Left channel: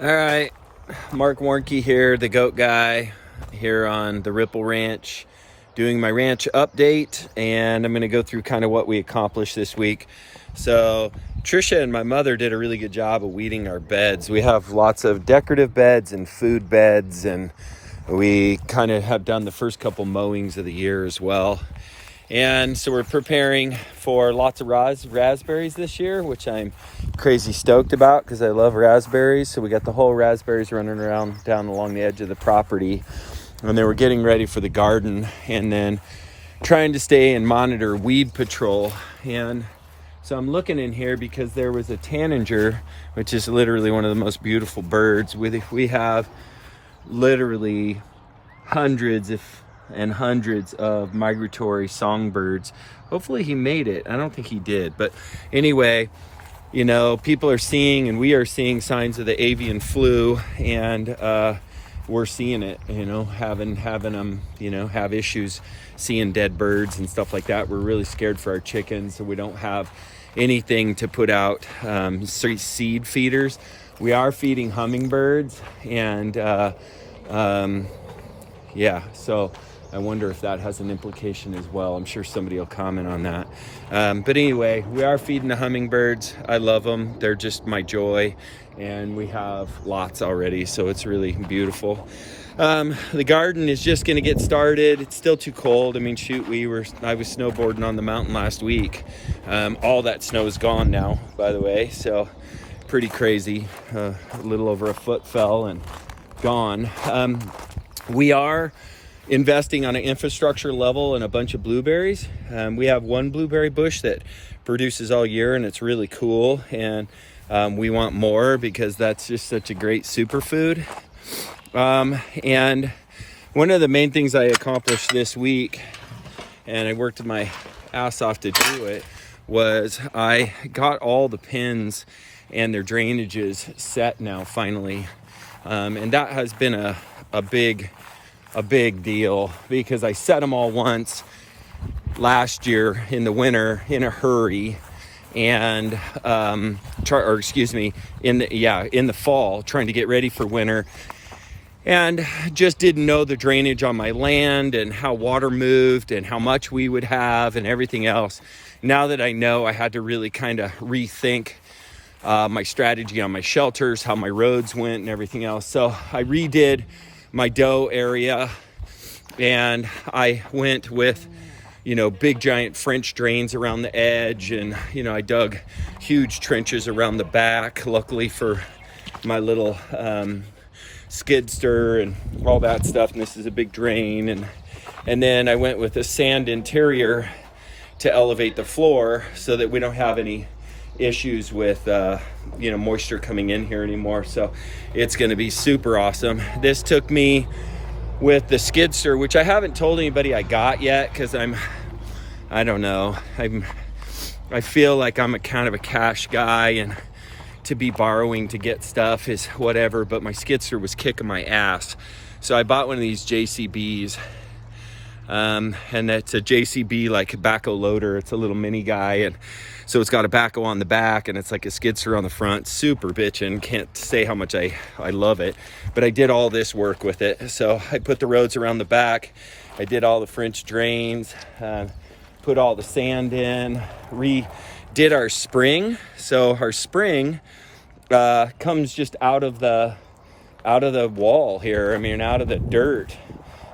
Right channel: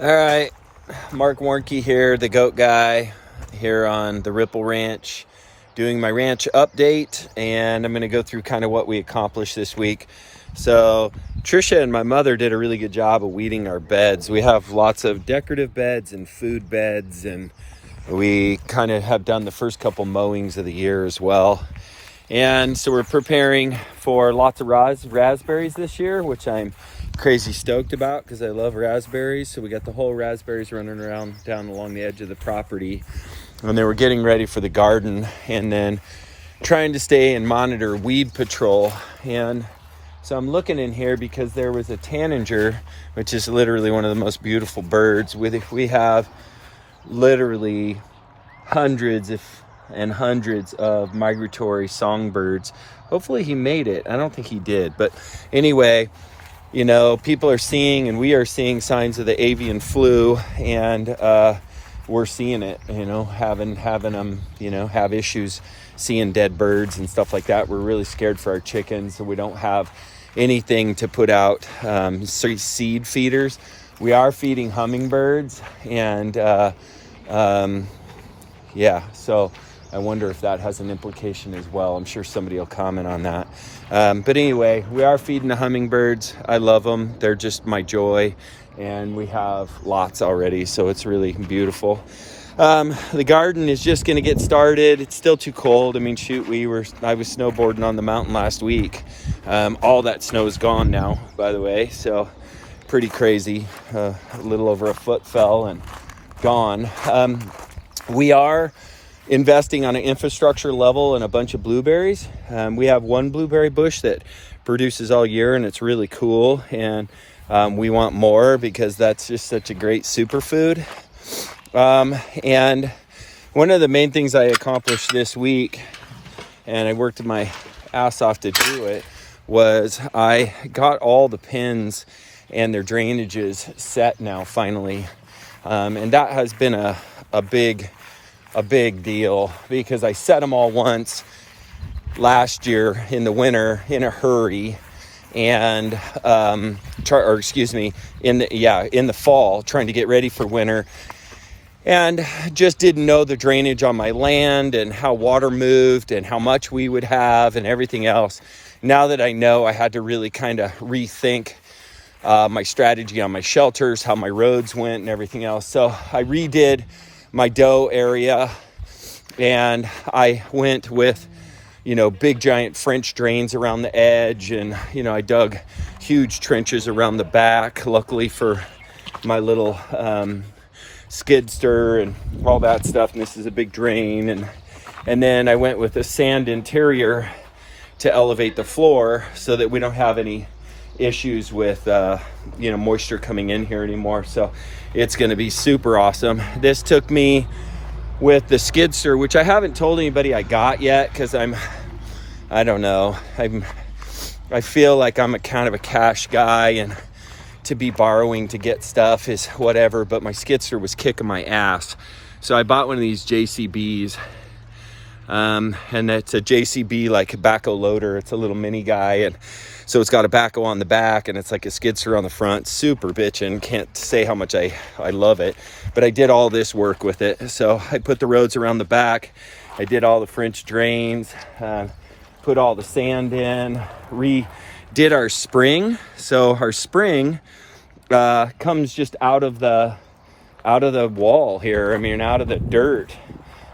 All right, Mark Warnke here, the goat guy here on the Ripple Ranch, doing my ranch update, and I'm going to go through kind of what we accomplished this week. So Trisha and my mother did a really good job of weeding our beds. We have lots of decorative beds and food beds, and we kind of have done the first couple mowings of the year as well. And so we're preparing for lots of raspberries this year, which I'm crazy stoked about because I love raspberries. So we got the whole raspberries running around down along the edge of the property. And then we're getting ready for the garden and then trying to stay and monitor weed patrol. And so I'm looking in here because there was a tanager, which is literally one of the most beautiful birds. We have literally hundreds and hundreds of migratory songbirds. Hopefully he made it. I don't think he did, but anyway, you know, people are seeing and we are seeing signs of the avian flu, and we're seeing it, you know, having them, you know, have issues seeing dead birds and stuff like that. We're really scared for our chickens, so we don't have anything to put out seed feeders. We are feeding hummingbirds, and yeah, so I wonder if that has an implication as well. I'm sure somebody will comment on that. But anyway, we are feeding the hummingbirds. I love them. They're just my joy. And we have lots already, so it's really beautiful. The garden is just going to get started. It's still too cold. I mean, shoot, I was snowboarding on the mountain last week. All that snow is gone now, by the way. So pretty crazy. A little over a foot fell and gone. We are investing on an infrastructure level in a bunch of blueberries. We have one blueberry bush that produces all year, and it's really cool, and we want more because that's just such a great superfood. And one of the main things I accomplished this week, and I worked my ass off to do it, was I got all the pins and their drainages set now finally, and that has been a big deal because I set them all once last year in the winter in a hurry, and in the fall trying to get ready for winter, and just didn't know the drainage on my land and how water moved and how much we would have and everything else. Now that I know, I had to really kind of rethink my strategy on my shelters, how my roads went and everything else. So I redid my doe area, and I went with, you know, big giant French drains around the edge, and, you know, I dug huge trenches around the back, luckily for my little skidster and all that stuff. And this is a big drain, and then I went with a sand interior to elevate the floor so that we don't have any issues with moisture coming in here anymore. So it's going to be super awesome. This took me with the skidster, which I haven't told anybody I got yet because I don't know. I feel like I'm a kind of a cash guy, and to be borrowing to get stuff is whatever, but my skidster was kicking my ass. So I bought one of these JCBs, and it's a JCB like backhoe loader. It's a little mini guy, and so it's got a backhoe on the back, and it's like a skidster on the front. Super bitchin'. Can't say how much I love it, but I did all this work with it. So I put the roads around the back. I did all the French drains, put all the sand in, redid our spring. So our spring comes just out of the wall here. I mean, out of the dirt.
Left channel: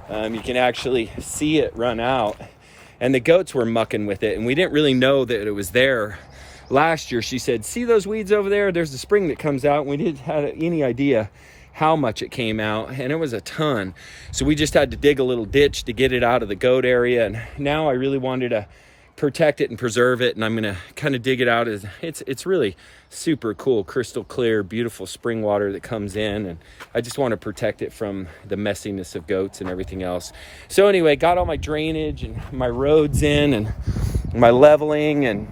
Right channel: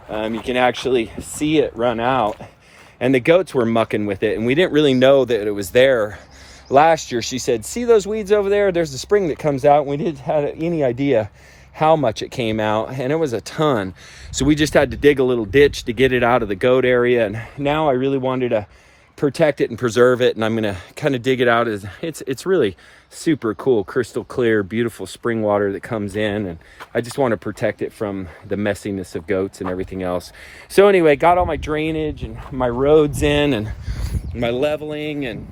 You can actually see it run out, and the goats were mucking with it, and we didn't really know that it was there. Last year, she said, "See those weeds over there? There's a spring that comes out." And we didn't have any idea how much it came out, and it was a ton. So we just had to dig a little ditch to get it out of the goat area, and now I really wanted to protect it and preserve it, and I'm gonna kind of dig it out. It's really super cool, crystal clear, beautiful spring water that comes in, and I just want to protect it from the messiness of goats and everything else. So anyway, got all my drainage and my roads in and my leveling and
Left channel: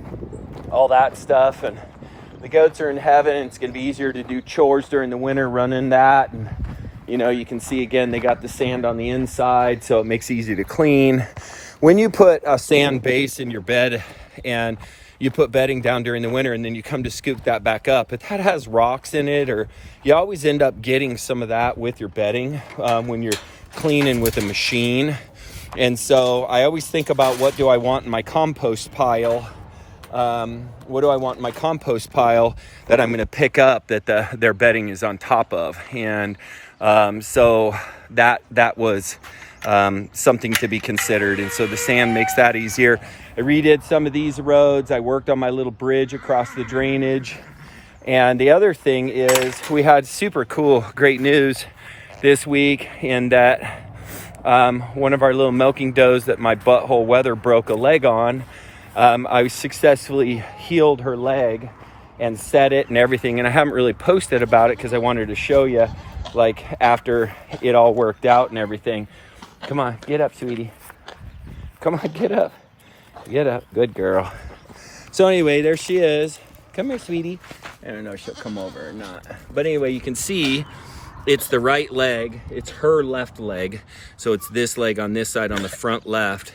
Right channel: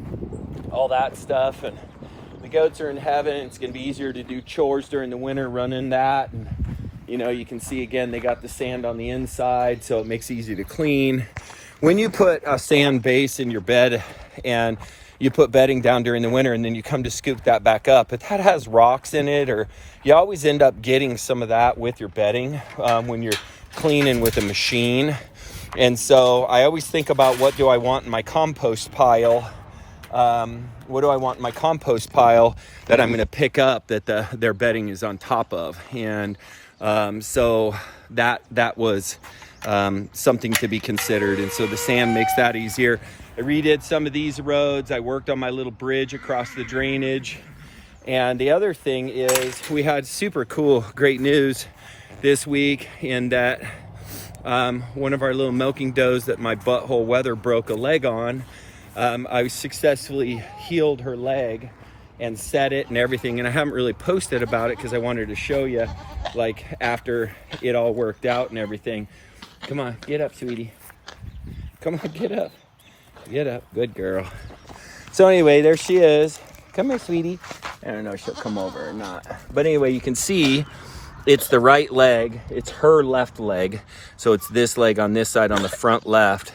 all that stuff, and the goats are in heaven. It's going to be easier to do chores during the winter running that, and you know, you can see again they got the sand on the inside, so it makes it easy to clean. When you put a sand base in your bed and you put bedding down during the winter and then you come to scoop that back up. If that has rocks in it, or you always end up getting some of that with your bedding when you're cleaning with a machine. And so I always think about, what do I want in my compost pile? What do I want in my compost pile that I'm going to pick up that their bedding is on top of? And so that was something to be considered. And so the sand makes that easier. I redid some of these roads. I worked on my little bridge across the drainage. And the other thing is, we had super cool, great news this week in that one of our little milking does that my butthole weather broke a leg on, I successfully healed her leg and set it and everything. And I haven't really posted about it because I wanted to show you, like, after it all worked out and everything. Come on, get up, sweetie. Come on, get up. Get up. Good girl. So anyway, there she is. Come here, sweetie. I don't know if she'll come over or not. But anyway, you can see it's the right leg. It's her left leg. So it's this leg on this side on the front left.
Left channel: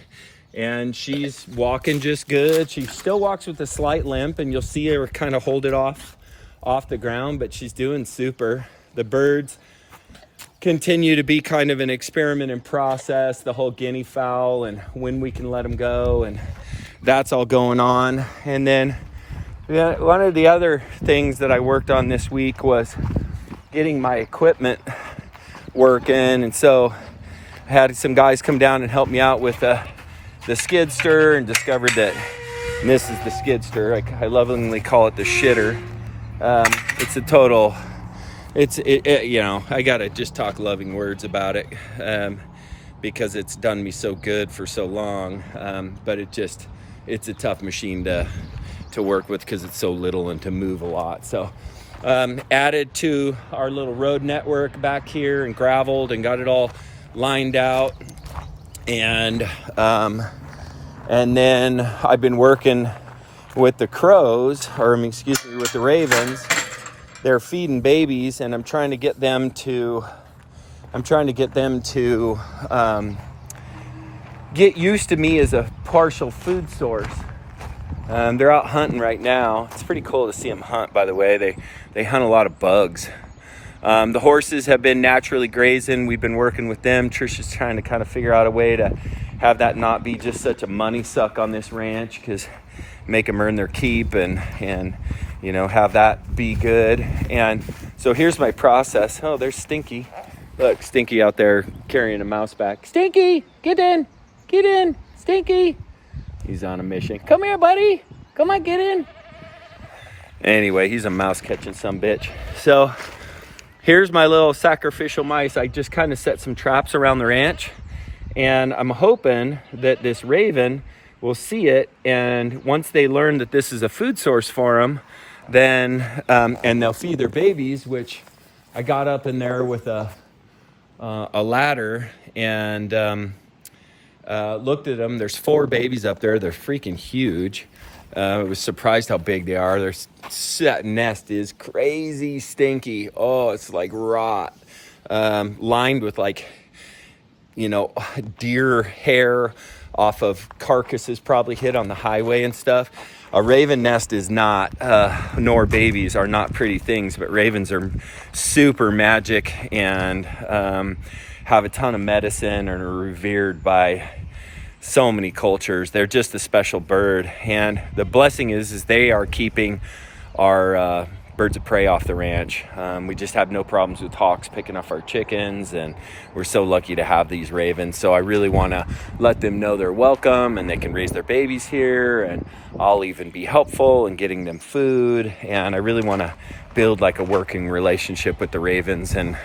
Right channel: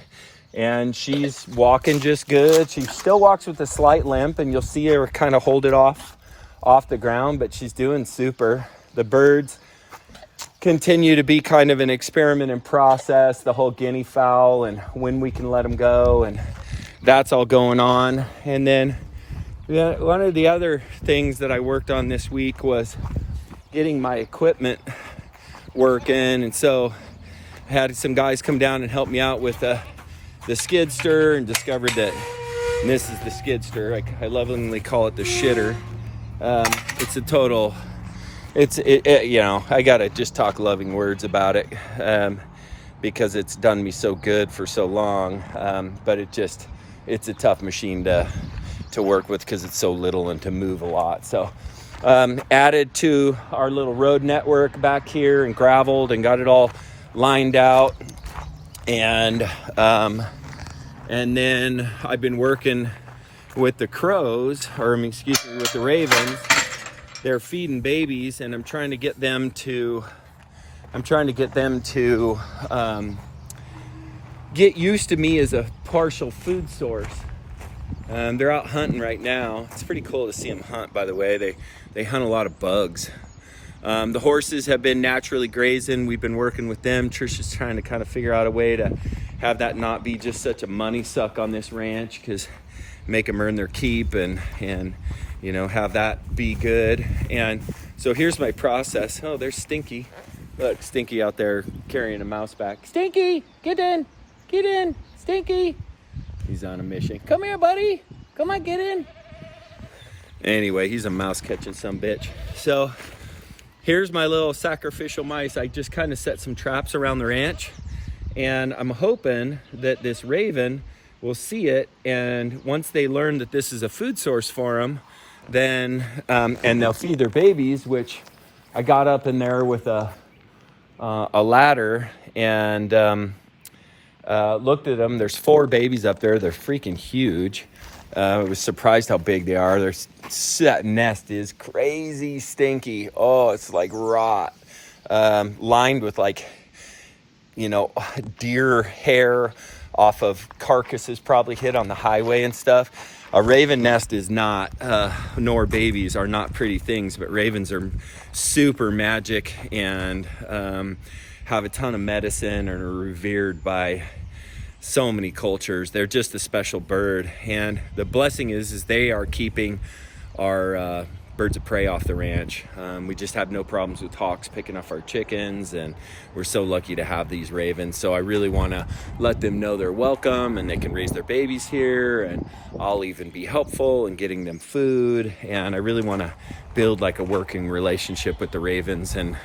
And she's walking just good. She still walks with a slight limp, and you'll see her kind of hold it off the ground, but she's doing super. The birds continue to be kind of an experiment and process, the whole guinea fowl and when we can let them go, and that's all going on. And then one of the other things that I worked on this week was getting my equipment working. And so I had some guys come down and help me out with the skidster, and discovered that, and this is the skidster, I lovingly call it the shitter. It's a total, you know, I gotta just talk loving words about it, because it's done me so good for so long. But it's a tough machine to work with because it's so little and to move a lot. So added to our little road network back here and graveled and got it all lined out. And then I've been working with the crows, with the ravens. They're feeding babies, and I'm trying to get them to get used to me as a partial food source. They're out hunting right now. It's pretty cool to see them hunt, by the way. They hunt a lot of bugs. The horses have been naturally grazing. We've been working with them. Trisha's trying to kind of figure out a way to have that not be just such a money suck on this ranch, because make them earn their keep and you know, have that be good. And so here's my process. Oh, there's Stinky. Look, Stinky out there carrying a mouse back. Stinky, get in, Stinky. He's on a mission. Come here, buddy. Come on, get in. Anyway, he's a mouse catching sumbitch. So here's my little sacrificial mice. I just kind of set some traps around the ranch, and I'm hoping that this raven will see it, and once they learn that this is a food source for them, then and they'll feed their babies, which I got up in there with a ladder and looked at them. There's 4 babies up there. They're freaking huge. I was surprised how big they are. That nest is crazy stinky. Oh, it's like rot, lined with, like, you know, deer hair off of carcasses probably hit on the highway and stuff. A raven nest is not, nor babies are not pretty things, but ravens are super magic and have a ton of medicine and are revered by so many cultures. They're just a special bird. And the blessing is they are keeping our birds of prey off the ranch. We just have no problems with hawks picking off our chickens, and we're so lucky to have these ravens. So I really want to let them know they're welcome and they can raise their babies here, and I'll even be helpful in getting them food. And I really want to build like a working relationship with the ravens, and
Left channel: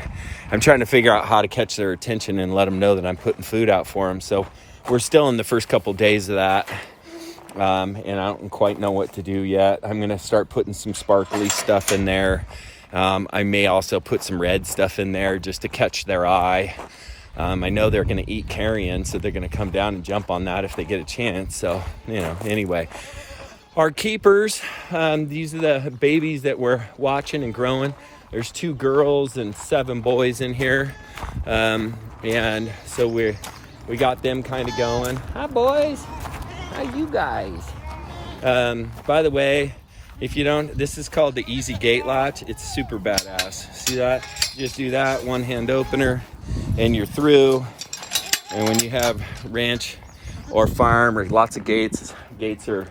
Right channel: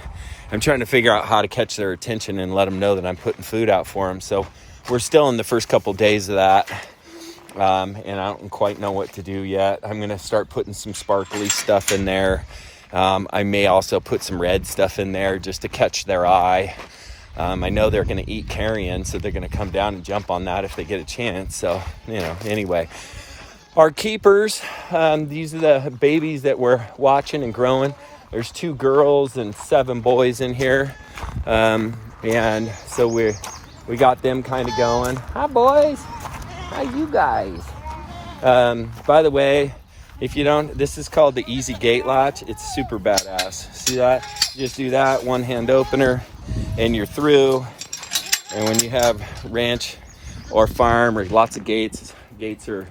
I'm trying to figure out how to catch their attention and let them know that I'm putting food out for them. So we're still in the first couple days of that. And I don't quite know what to do yet. I'm going to start putting some sparkly stuff in there. I may also put some red stuff in there just to catch their eye. I know they're going to eat carrion, so they're going to come down and jump on that if they get a chance. So, you know, anyway. Our keepers, these are the babies that we're watching and growing. There's 2 girls and 7 boys in here. And so we got them kind of going. Hi, boys. How you guys? By the way, if you don't, this is called the easy gate latch. It's super badass. See that? Just do that, one hand opener, and you're through. And when you have ranch or farm or lots of gates are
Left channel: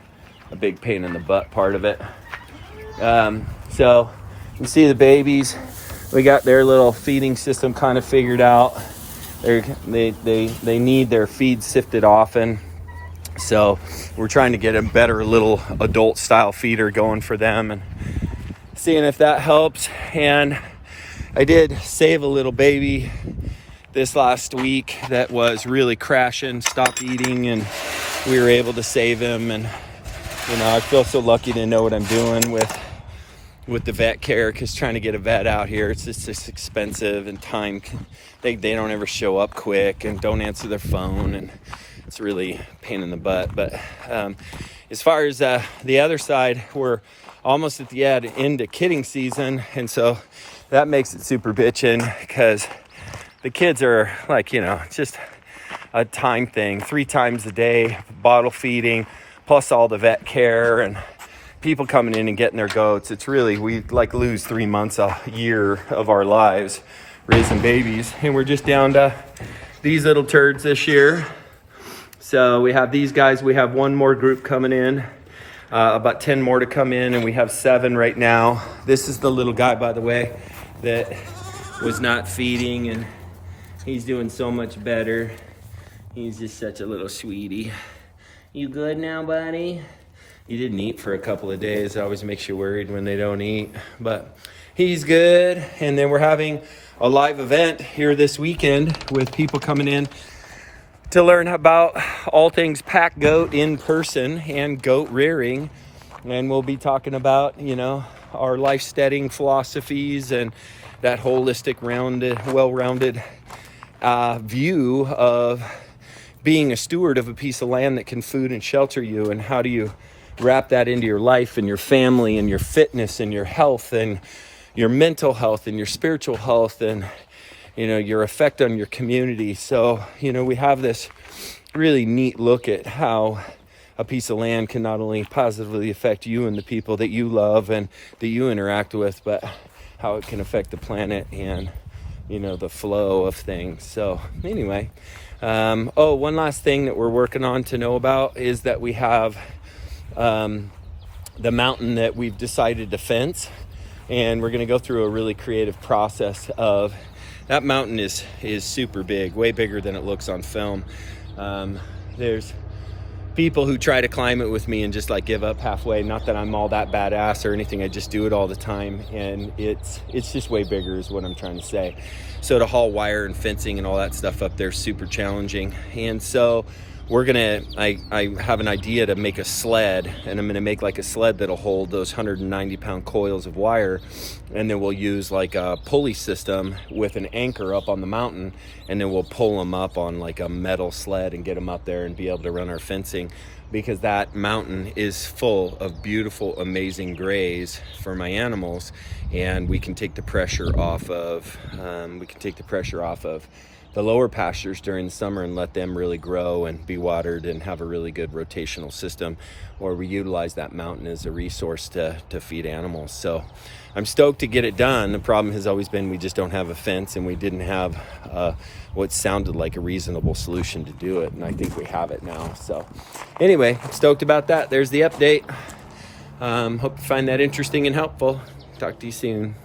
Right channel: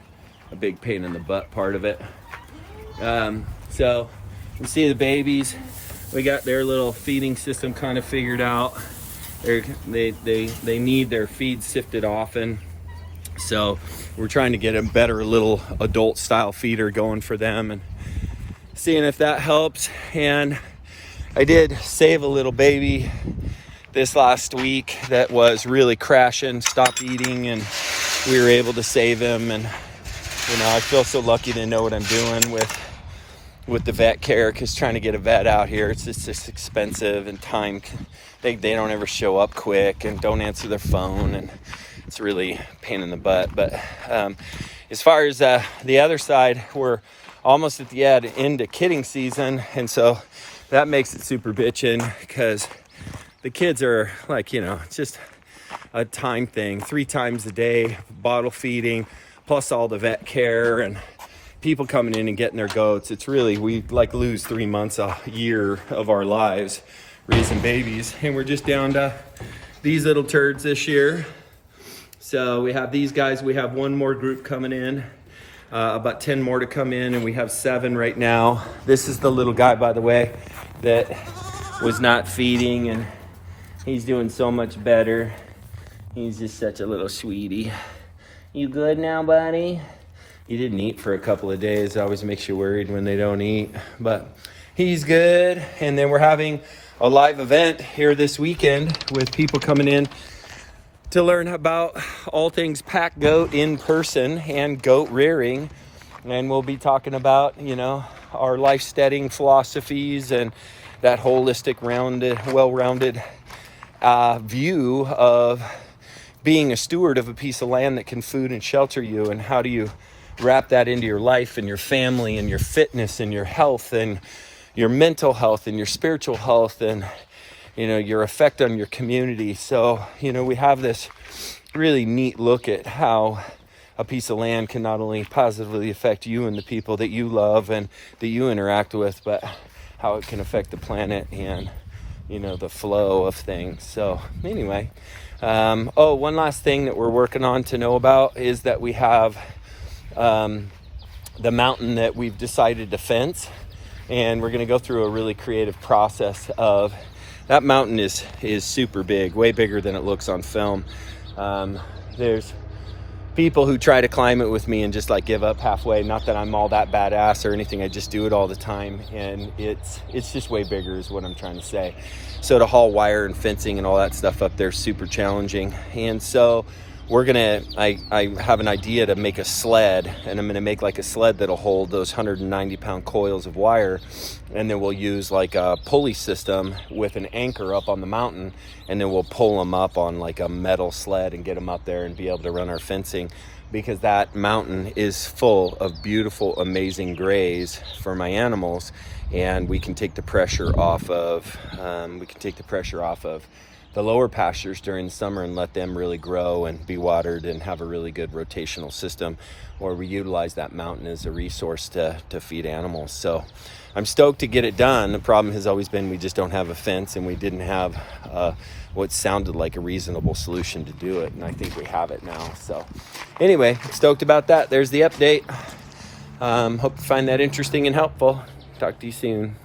a big pain in the butt part of it. So you see the babies, we got their little feeding system kind of figured out. They need their feed sifted often. So we're trying to get a better little adult style feeder going for them and seeing if that helps. And I did save a little baby this last week that was really crashing, stopped eating, and we were able to save him. And you know, I feel so lucky to know what I'm doing with the vet care, because trying to get a vet out here, it's just expensive, and time, they don't ever show up quick and don't answer their phone, and it's really a pain in the butt. But as far as the other side, we're almost at the end of kidding season, and so that makes it super bitchin', because the kids are like, you know, just a time thing, 3 times a day, bottle feeding, plus all the vet care and people coming in and getting their goats. It's really, we like lose 3 months a year of our lives raising babies, and we're just down to these little turds this year. So we have these guys, we have one more group coming in, about 10 more to come in, and we have 7 right now. This is the little guy, by the way, that was not feeding, and he's doing so much better. He's just such a little sweetie. You good now, buddy? He didn't eat for a couple of days. It always makes you worried when they don't eat, but he's good. And then we're having a live event here this weekend with people coming in to learn about all things pack goat in person and goat rearing. And we'll be talking about, you know, our life steading philosophies and that holistic, well-rounded view of being a steward of a piece of land that can food and shelter you, and how do you wrap that into your life and your family and your fitness and your health and your mental health and your spiritual health and, you know, your effect on your community. So, you know, we have this really neat look at how a piece of land can not only positively affect you and the people that you love and that you interact with, but how it can affect the planet and, you know, the flow of things. So anyway, one last thing that we're working on to know about is that we have the mountain that we've decided to fence, and we're going to go through a really creative process of that. Mountain is super big, way bigger than it looks on film. There's people who try to climb it with me and just like give up halfway. Not that I'm all that badass or anything, I just do it all the time, and it's just way bigger is what I'm trying to say. So to haul wire and fencing and all that stuff up there is super challenging. And so we're gonna, I have an idea to make a sled, and I'm gonna make like a sled that'll hold those 190-pound coils of wire, and then we'll use like a pulley system with an anchor up on the mountain, and then we'll pull them up on like a metal sled and get them up there and be able to run our fencing, because that mountain is full of beautiful, amazing graze for my animals, and we can take the pressure off of the lower pastures during the summer and let them really grow and be watered and have a really good rotational system, or we utilize that mountain as a resource to feed animals. So I'm stoked to get it done. The problem has always been we just don't have a fence, and we didn't have what sounded like a reasonable solution to do it, and I think we have it now. So anyway, stoked about that. There's the update. Hope you find that interesting and helpful. Talk to you soon.